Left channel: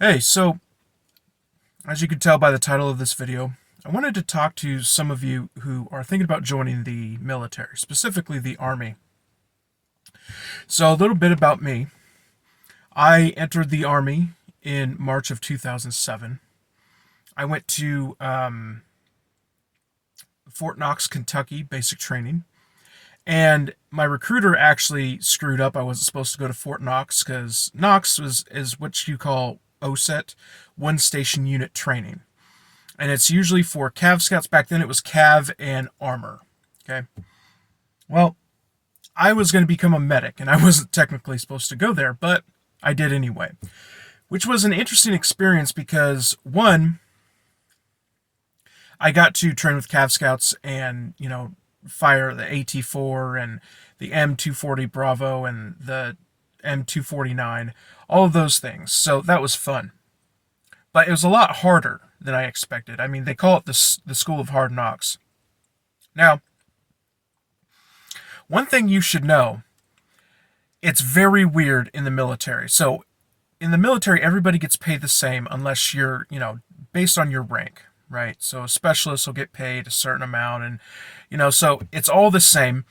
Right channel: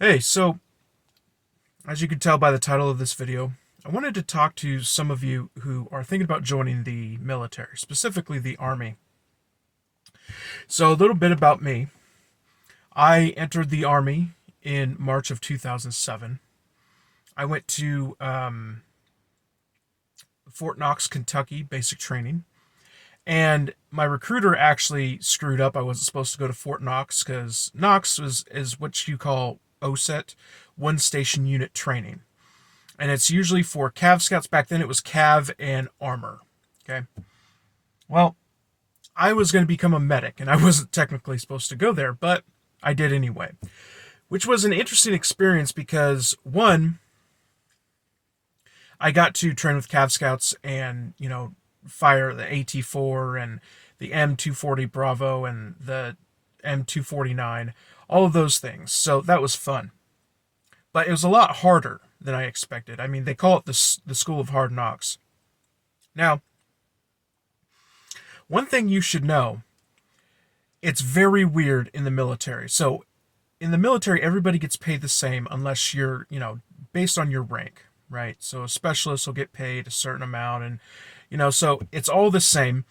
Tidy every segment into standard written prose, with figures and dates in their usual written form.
Hey, so as you can tell by the title of this video, I wanted to talk to some of you who are thinking about joining the military, specifically the Army. So, a little bit about me. I entered the Army in March of 2007. I went to Fort Knox, Kentucky, basic training. And my recruiter actually screwed up. I wasn't supposed to go to Fort Knox because is what you call OSET, one station unit training. And it's usually for Cav Scouts. Back then it was Cav and Armor. Okay. Well, I was going to become a medic, and I wasn't technically supposed to go there, but I did anyway. Which was an interesting experience because, one, I got to train with Cav Scouts and, fire the AT4 and the M240 Bravo and the M249, all of those things. So that was fun. But it was a lot harder than I expected. I mean, they call it the School of Hard Knocks. Now, one thing you should know, it's very weird in the military. So, in the military, everybody gets paid the same unless you're, based on your rank, right? So, a specialist will get paid a certain amount, and, so it's all the same.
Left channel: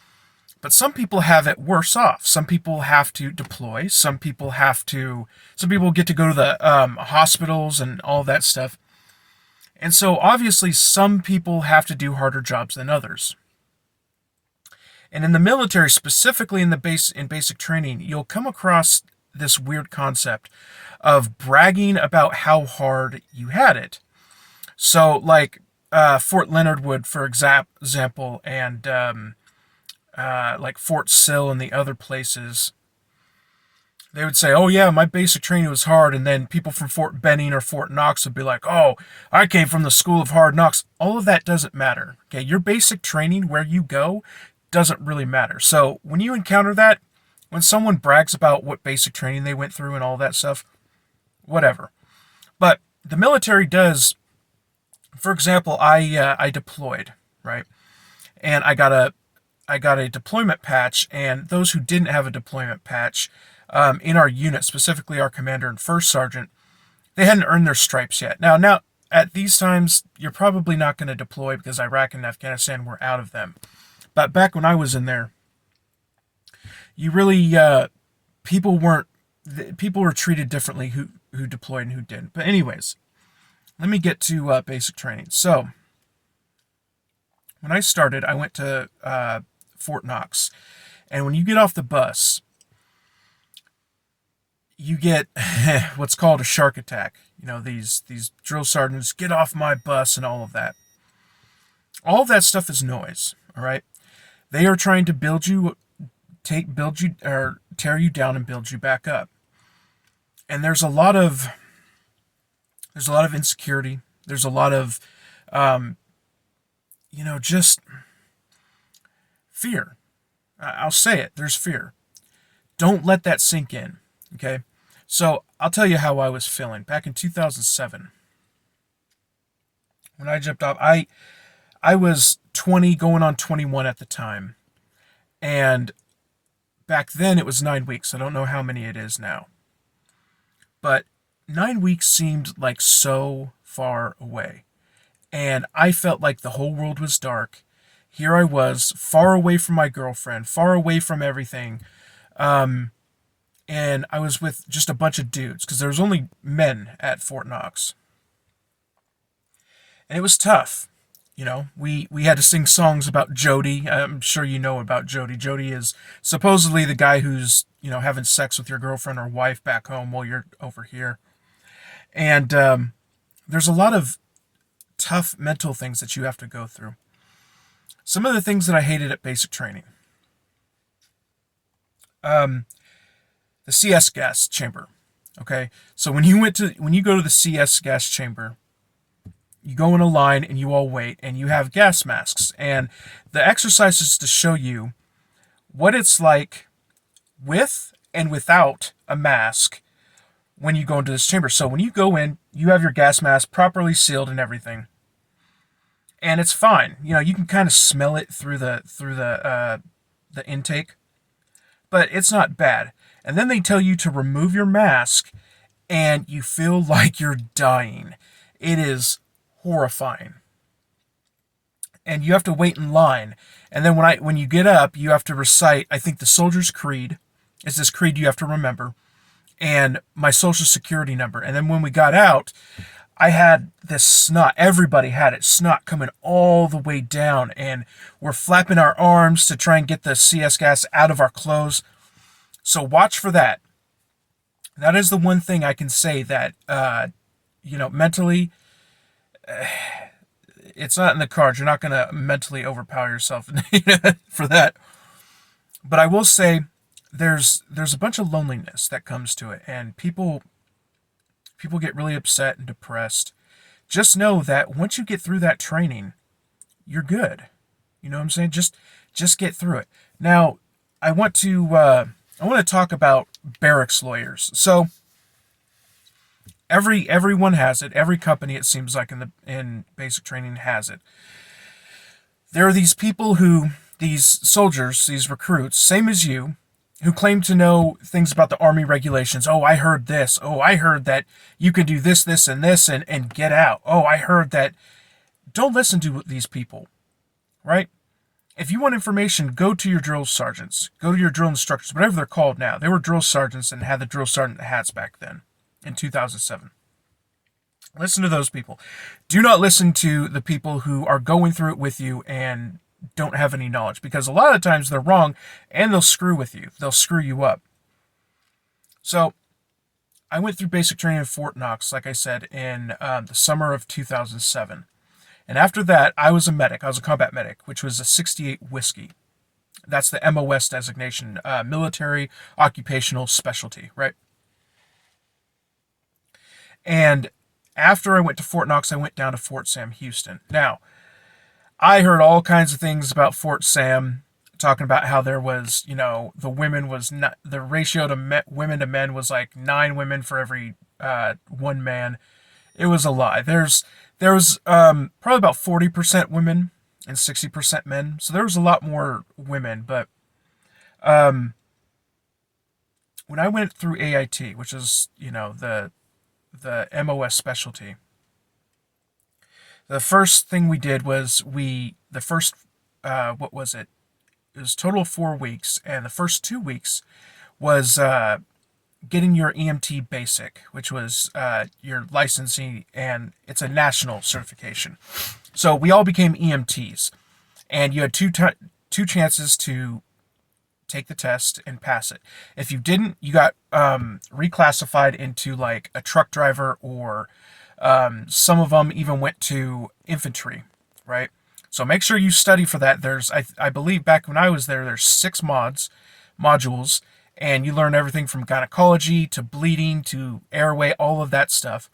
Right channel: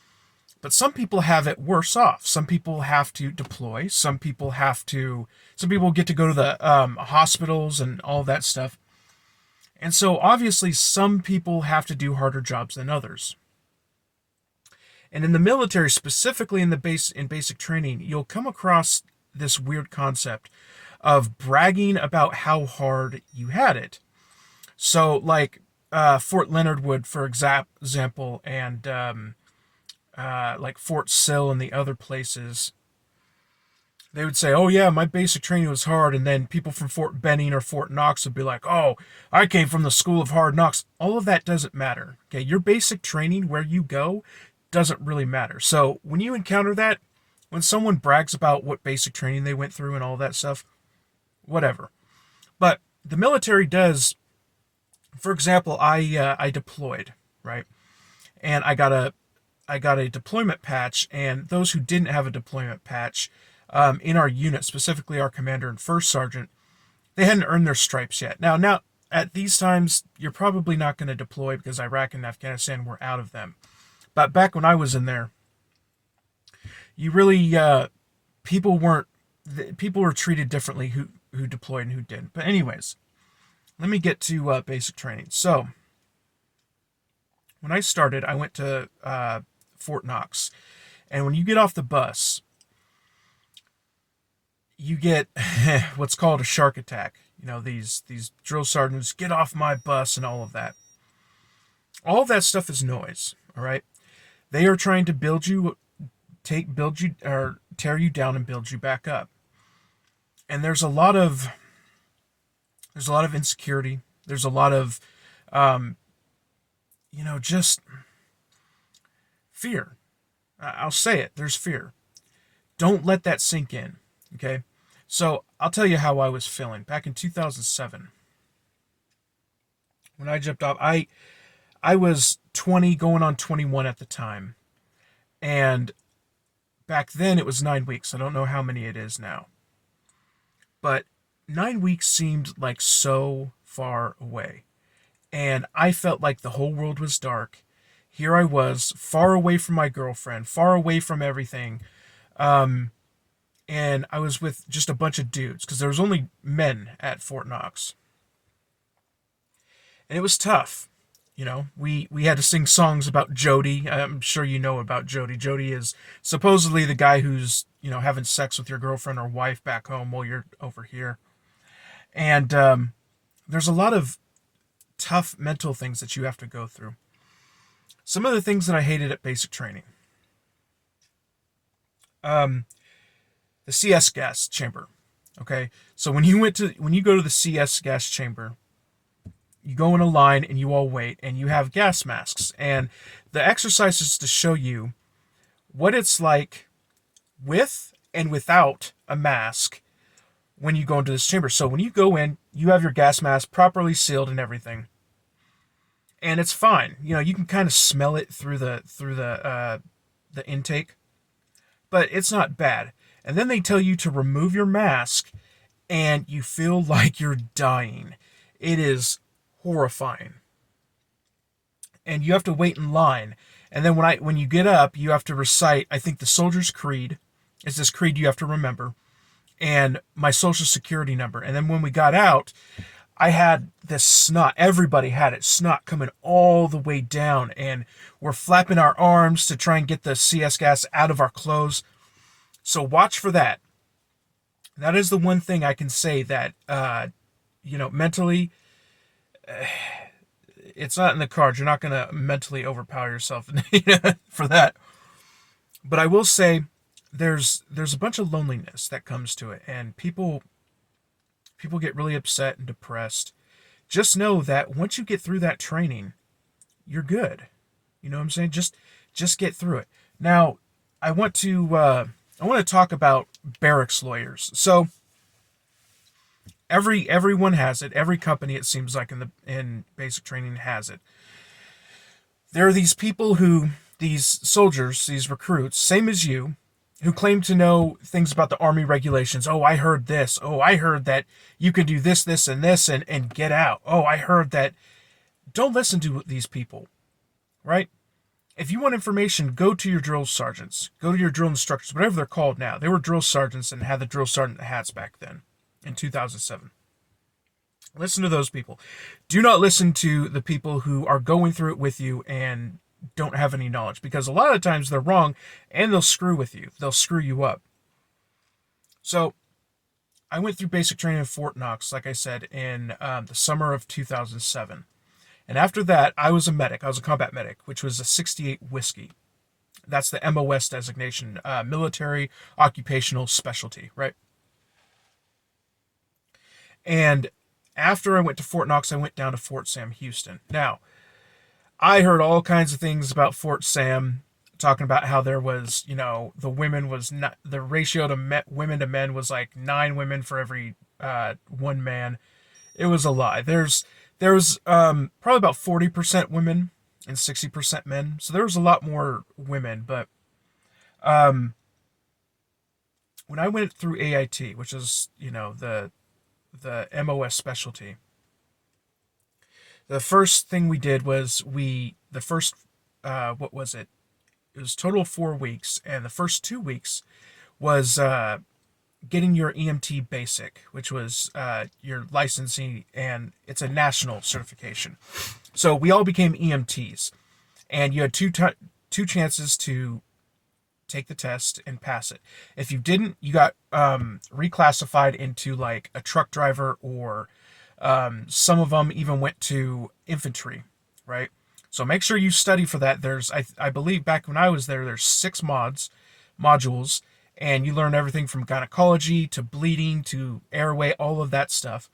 But some people have it worse off. Some people have to deploy. Some people get to go to the hospitals and all that stuff. And so, obviously, some people have to do harder jobs than others. And in the military, specifically in basic training, you'll come across this weird concept of bragging about how hard you had it. So, like Fort Leonard Wood, for example, and like Fort Sill and the other places, they would say, "Oh yeah, my basic training was hard," and then people from Fort Benning or Fort Knox would be like, "Oh, I came from the School of Hard Knocks." All of that doesn't matter. Okay, your basic training, where you go, doesn't really matter. So when you encounter that, when someone brags about what basic training they went through and all that stuff, whatever. But the military does. For example, I deployed, right, and I got a deployment patch, and those who didn't have a deployment patch, in our unit, specifically our commander and first sergeant, they hadn't earned their stripes yet. Now at these times, you're probably not going to deploy because Iraq and Afghanistan were out of them. But back when I was in there, you really people weren't people were treated differently who deployed and who didn't. But anyways, let me get to basic training. So when I started, I went to Fort Knox, and when you get off the bus, you get what's called a shark attack. These drill sergeants get off my bus and all of that. All of that stuff is noise. All right, they are trying to build you or tear you down and build you back up. And there's a lot of insecurity. There's a lot of just fear. I'll say it. There's fear. Don't let that sink in. Okay. So I'll tell you how I was feeling back in 2007 when I jumped off. I was 20, going on 21 at the time, and back then it was 9 weeks. I don't know how many it is now, but 9 weeks seemed like so far away. And I felt like the whole world was dark. Here I was, far away from my girlfriend, far away from everything. Um, and I was with just a bunch of dudes because there was only men at Fort Knox. And it was tough. We had to sing songs about Jody. I'm sure you know about Jody. Jody is supposedly the guy who's, having sex with your girlfriend or wife back home while you're over here. And there's a lot of tough mental things that you have to go through. Some of the things that I hated at basic training. Um, the CS gas chamber. Okay, so when you go to the CS gas chamber, you go in a line and you all wait, and you have gas masks, and the exercise is to show you what it's like with and without a mask when you go into this chamber. So when you go in, you have your gas mask properly sealed and everything, and it's fine. You can kind of smell it through the intake, but it's not bad. And then they tell you to remove your mask and you feel like you're dying. It is horrifying. And you have to wait in line. And then when you get up, you have to recite, I think, the Soldier's Creed. It's this creed you have to remember, and my social security number. And then when we got out, I had this snot. Everybody had it. Snot coming all the way down, and we're flapping our arms to try and get the CS gas out of our clothes. So watch for that. That is the one thing I can say that, mentally, it's not in the cards. You're not going to mentally overpower yourself for that. But I will say there's a bunch of loneliness that comes to it, and people get really upset and depressed. Just know that once you get through that training, you're good. You know what I'm saying? Just get through it. Now, I want to talk about barracks lawyers. So everyone has it. Every company, it seems like, in basic training has it. There are these people these soldiers, these recruits, same as you, who claim to know things about the Army regulations. Oh, I heard this. Oh, I heard that you can do this, this, and this, and get out. Oh, I heard that. Don't listen to these people, right? If you want information, go to your drill sergeants, go to your drill instructors, whatever they're called now. They were drill sergeants and had the drill sergeant hats back then in 2007. Listen to those people. Do not listen to the people who are going through it with you and don't have any knowledge, because a lot of times they're wrong and they'll screw with you. They'll screw you up. So I went through basic training in Fort Knox, like I said, in the summer of 2007. And after that, I was a medic. I was a combat medic, which was a 68 whiskey. That's the MOS designation, military occupational specialty, right? And after I went to Fort Knox, I went down to Fort Sam Houston. Now, I heard all kinds of things about Fort Sam, talking about how there was, the women was not, the ratio to women to men was like 9 women for every 1 man. It was a lie. There was probably about 40% women and 60% men. So there was a lot more women. But when I went through AIT, which is, the MOS specialty, the first thing we did was what was it? It was total of 4 weeks. And the first 2 weeks was getting your EMT basic, which was your licensing, and it's a national certification. So we all became EMTs, and you had two chances to take the test and pass it. If you didn't, you got reclassified into like a truck driver, or some of them even went to infantry, right? So make sure you study for that. I believe back when I was there's 6 modules, and you learn everything from gynecology to bleeding to airway, all of that stuff.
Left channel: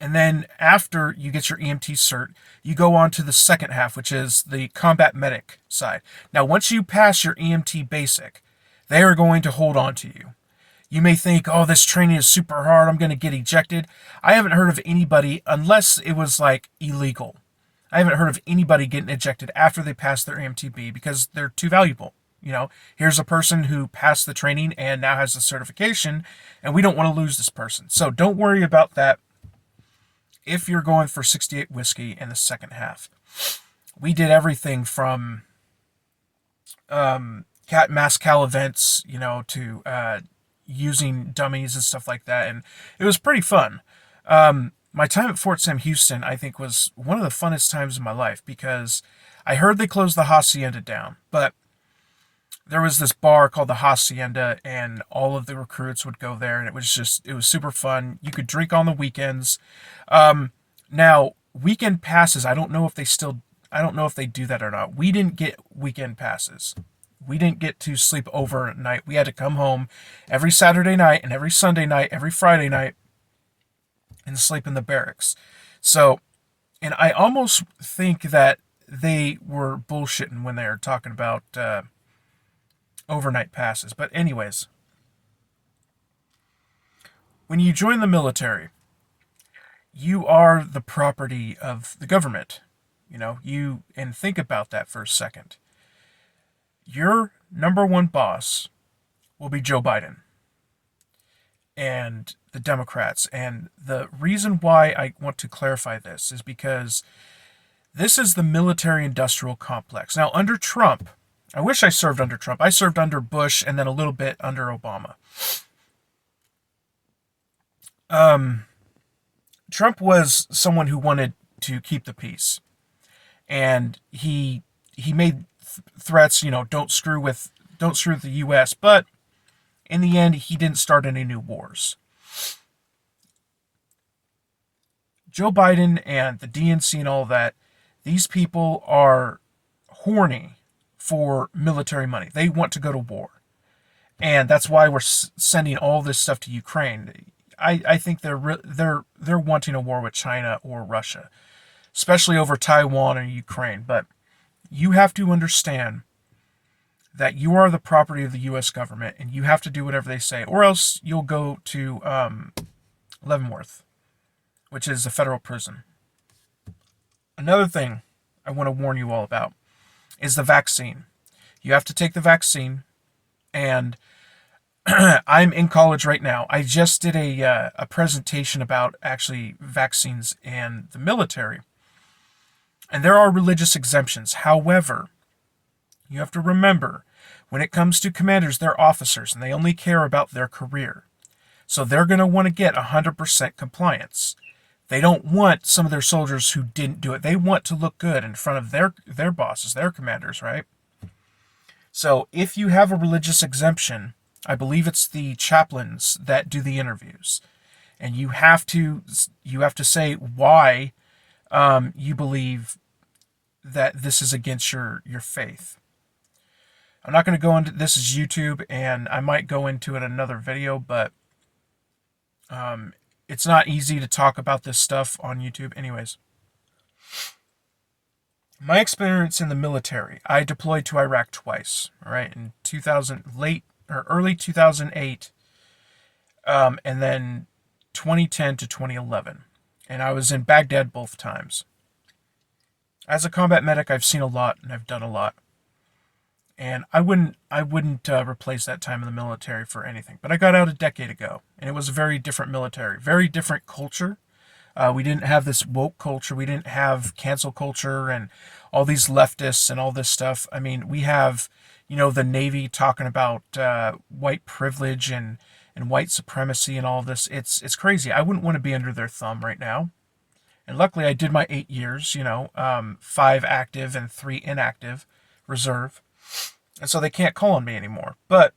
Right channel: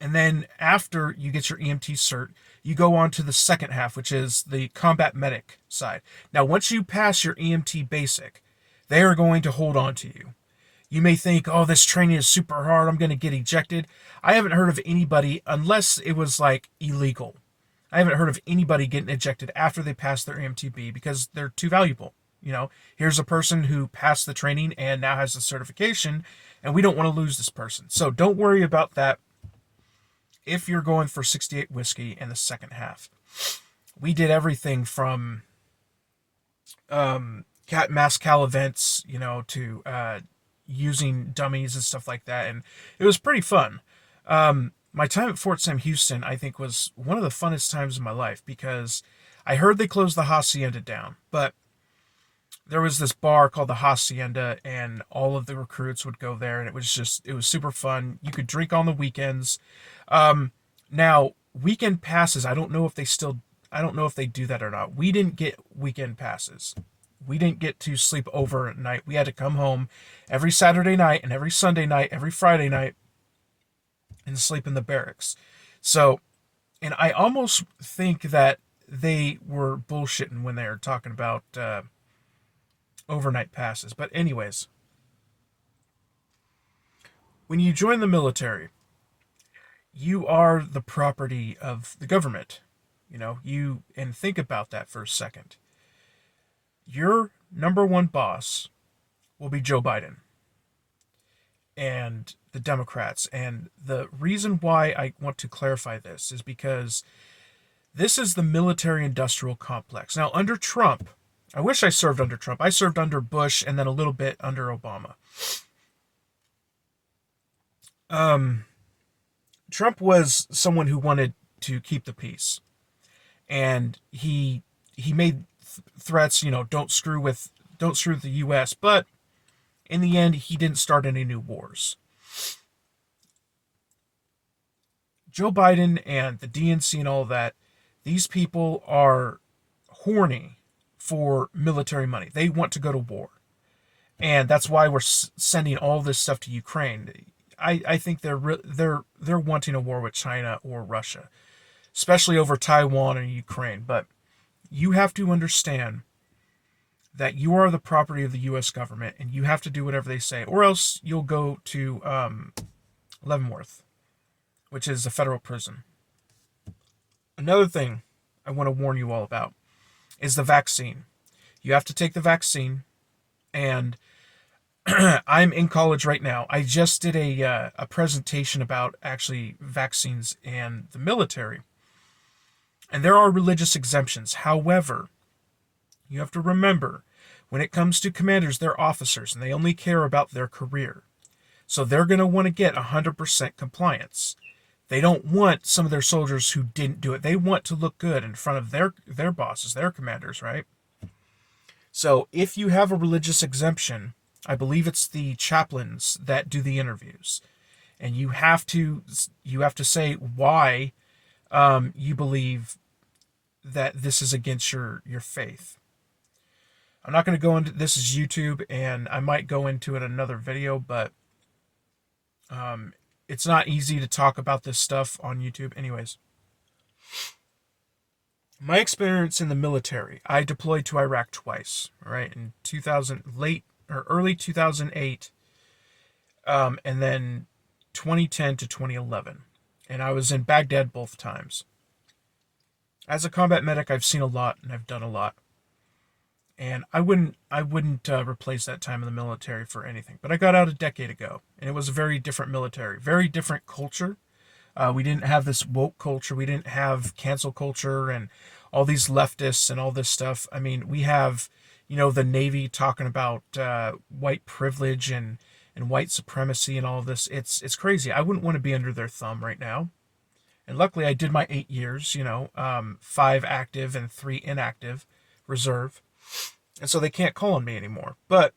And then after you get your EMT cert, you go on to the second half, which is the combat medic side. Now, once you pass your EMT basic, they are going to hold on to you. You may think, oh, this training is super hard, I'm going to get ejected. I haven't heard of anybody, unless it was like illegal. I haven't heard of anybody getting ejected after they pass their EMTB because they're too valuable. Here's a person who passed the training and now has the certification, and we don't want to lose this person. So don't worry about that if you're going for 68 whiskey in the second half. We did everything from mass cal events, to using dummies and stuff like that, and it was pretty fun. My time at Fort Sam Houston, I think, was one of the funnest times of my life, because I heard they closed the Hacienda down, but there was this bar called the Hacienda, and all of the recruits would go there, and it was super fun. You could drink on the weekends. Now, weekend passes, I don't know if they do that or not. We didn't get weekend passes. We didn't get to sleep over at night. We had to come home every Saturday night and every Sunday night, every Friday night, and sleep in the barracks. So, and I almost think that they were bullshitting when they were talking about overnight passes. But anyways, when you join the military, you are the property of the government. And think about that for a second. Your number one boss will be Joe Biden. and the Democrats. And the reason why I want to clarify this is because this is the military industrial complex. Now, under Trump, I wish I served under Trump. I served under Bush and then a little bit under Obama. Um, Trump was someone who wanted to keep the peace, and he made threats. Don't screw with the U.S. But in the end, he didn't start any new wars. Joe Biden and the DNC and all that, these people are horny for military money. They want to go to war. And that's why we're sending all this stuff to Ukraine. I think they're wanting a war with China or Russia, especially over Taiwan or Ukraine. But you have to understand that you are the property of the U.S. government, and you have to do whatever they say, or else you'll go to Leavenworth, which is a federal prison. Another thing I want to warn you all about is the vaccine. You have to take the vaccine, and I'm in college right now. I just did a presentation about actually vaccines and the military, and there are religious exemptions. However, you have to remember, when it comes to commanders, they're officers, and they only care about their career. So they're going to want to get 100% compliance. They don't want some of their soldiers who didn't do it. They want to look good in front of their bosses, their commanders, right? So if you have a religious exemption, I believe it's the chaplains that do the interviews, and you have to say why you believe that this is against your faith. I'm not going to go into this is YouTube, and I might go into it in another video, but it's not easy to talk about this stuff on YouTube. Anyways, my experience in the military, I deployed to Iraq twice, all right, in early 2008, and then 2010 to 2011, and I was in Baghdad both times. As a combat medic, I've seen a lot and I've done a lot. And I wouldn't replace that time in the military for anything. But I got out a decade ago, and it was a very different military, very different culture. We didn't have this woke culture. We didn't have cancel culture and all these leftists and all this stuff. I mean, we have, the Navy talking about white privilege and white supremacy and all of this. It's crazy. I wouldn't want to be under their thumb right now. And luckily, I did my 8 years, 5 active and 3 inactive reserve. And so they can't call on me anymore. But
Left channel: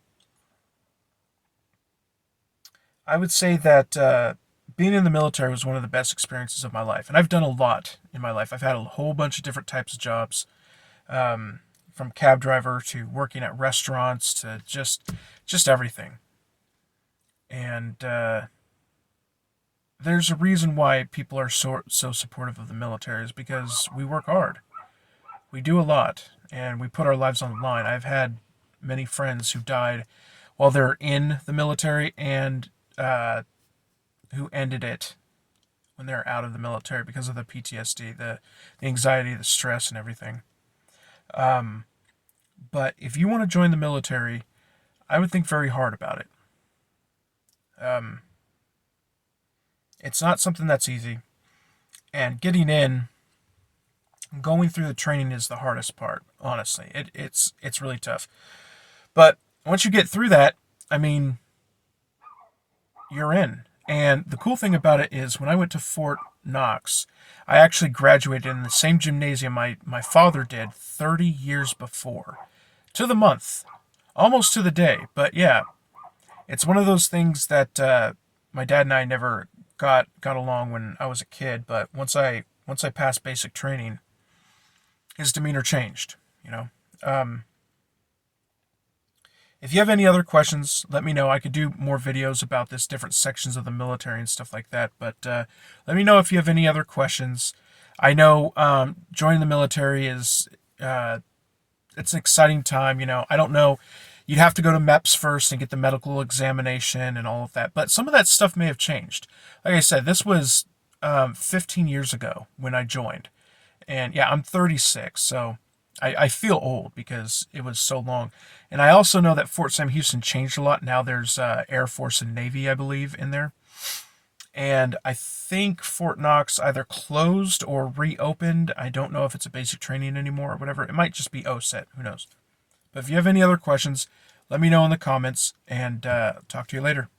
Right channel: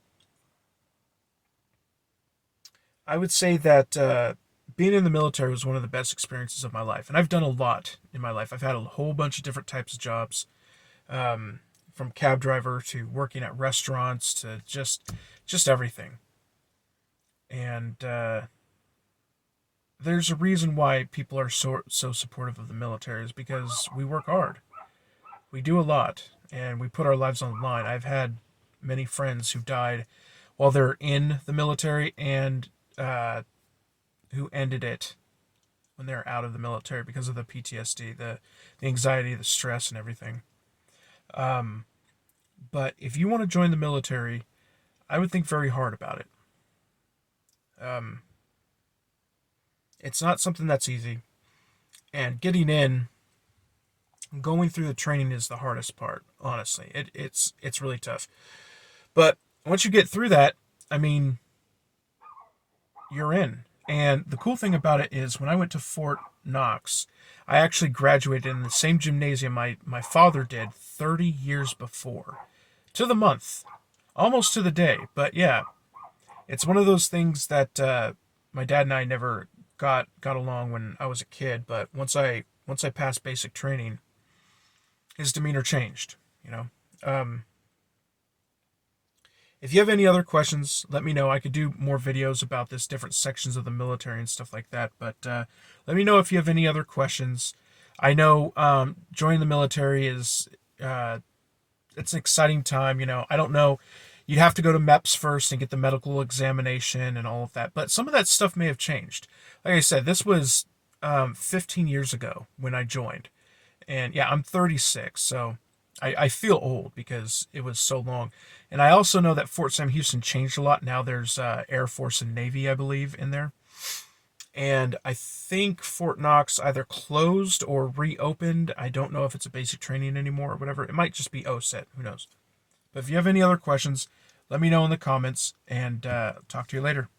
I would say that being in the military was one of the best experiences of my life. And I've done a lot in my life. I've had a whole bunch of different types of jobs, from cab driver to working at restaurants to just everything. And there's a reason why people are so supportive of the military, is because we work hard. We do a lot, and we put our lives on the line. I've had many friends who died while they're in the military, and who ended it when they're out of the military because of the PTSD, the anxiety, the stress, and everything. But if you want to join the military, I would think very hard about it. It's not something that's easy, and getting in, going through the training is the hardest part. Honestly, it's really tough. But once you get through that, I mean, you're in. And the cool thing about it is, when I went to Fort Knox, I actually graduated in the same gymnasium my father did 30 years before, to the month, almost to the day. But yeah, it's one of those things that my dad and I never got along when I was a kid. But once I passed basic training, his demeanor changed. If you have any other questions, let me know. I could do more videos about this, different sections of the military and stuff like that. But let me know if you have any other questions. I know joining the military is it's an exciting time. I don't know. You'd have to go to MEPS first and get the medical examination and all of that. But some of that stuff may have changed. Like I said, this was 15 years ago when I joined. And yeah, I'm 36, so I feel old because it was so long. And I also know that Fort Sam Houston changed a lot. Now there's Air Force and Navy, I believe, in there. And I think Fort Knox either closed or reopened. I don't know if it's a basic training anymore or whatever. It might just be OSET. Who knows? But if you have any other questions, let me know in the comments, and talk to you later.